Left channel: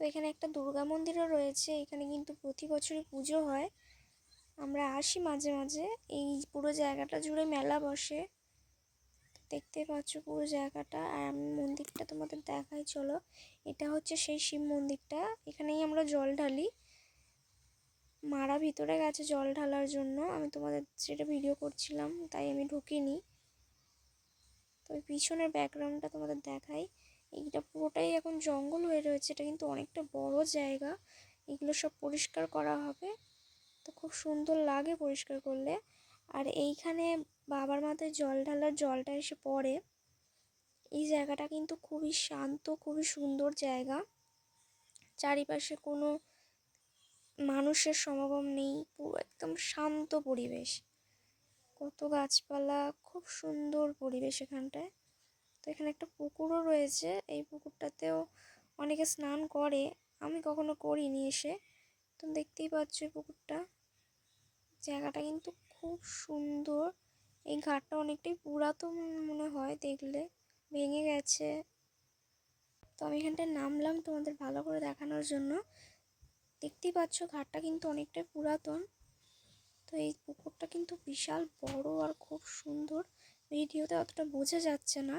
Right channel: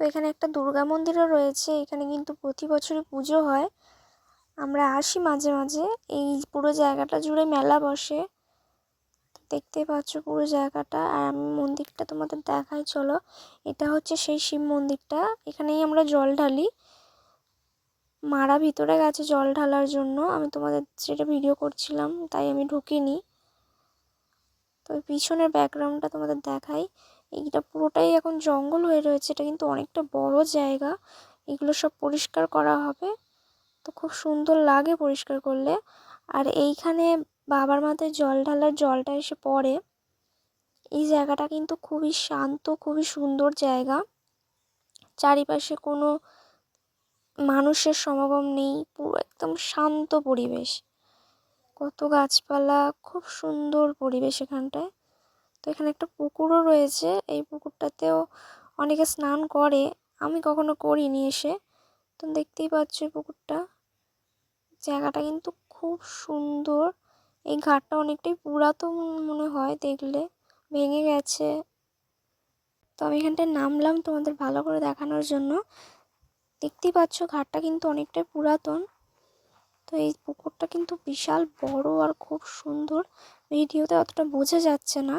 এখানে একটা দুর্গা মন্দিরও রয়েছে। এখানে কিন্তু প্রতি বছরই পুজো হয়। আমরা আসি মাঝে মাঝে। এই পুরো জায়গাটা জুড়ে মেলা বসে। দেখতেই পাচ্ছ পুরো জায়গাটা। আর আমি মন্দিরটা তোমাদের দেখাই, চলো। এটা হচ্ছে সেই শিব মন্দিরটা। এখানেই আমরা জল ঢালি। মারা ভিতরে গেছে জল ঢালার জন্য, আমি তোমাদের সেটা ভিডিও করছিলাম তাই আমি ঢুকিনি। তো পিছনের ব্যাকগ্রাউন্ডটা তোমাদের দেখাই। এইটা পুরোটাই এখন জঙ্গল হয়ে রয়েছে। এটা কিন্তু অনেকটা বড় জায়গা। এগুলো সব পরিষ্কার করা হবে। তো খুব সুন্দর লাগে পরিষ্কার করলে। আর এইখানে বাবার মাথায় জল ঢালার জলটা এসে পড়ে। এই জায়গাটা কিন্তু খুবই শান্ত, খুবই সুন্দর জায়গা। চারিপাশে কোনো মানুষের সমাগম নেই, পুরো একদম শান্ত পরিবেশ। কত গাছপালা, খুব সুন্দর পরিবেশ এখানটায়। তো এখানে একটা পুকুরও রয়েছে। এই পুকুরটাতেও অনেকে স্নান করে, আমি কখনো করিনি এসে। তো দেখতেই পাচ্ছ এই পুকুরটা। জায়গাটা কিন্তু খুব সুন্দর। এই ঘাটটা অনেকটাই পুরাতন মনে হয় দেখলে, ভেঙে গেছে। তো আমি এখানটায় নামলাম তোমাদের ভালো করে দেখানোর জন্য। দেখতেই পাচ্ছ ঘাটটা কিন্তু অনেকটাই পুরাতন। তো এই পুকুরটা কিন্তু বিশাল বড় আর খুব সুন্দর। ভিডিওতে অতটা বোঝা যাচ্ছে না।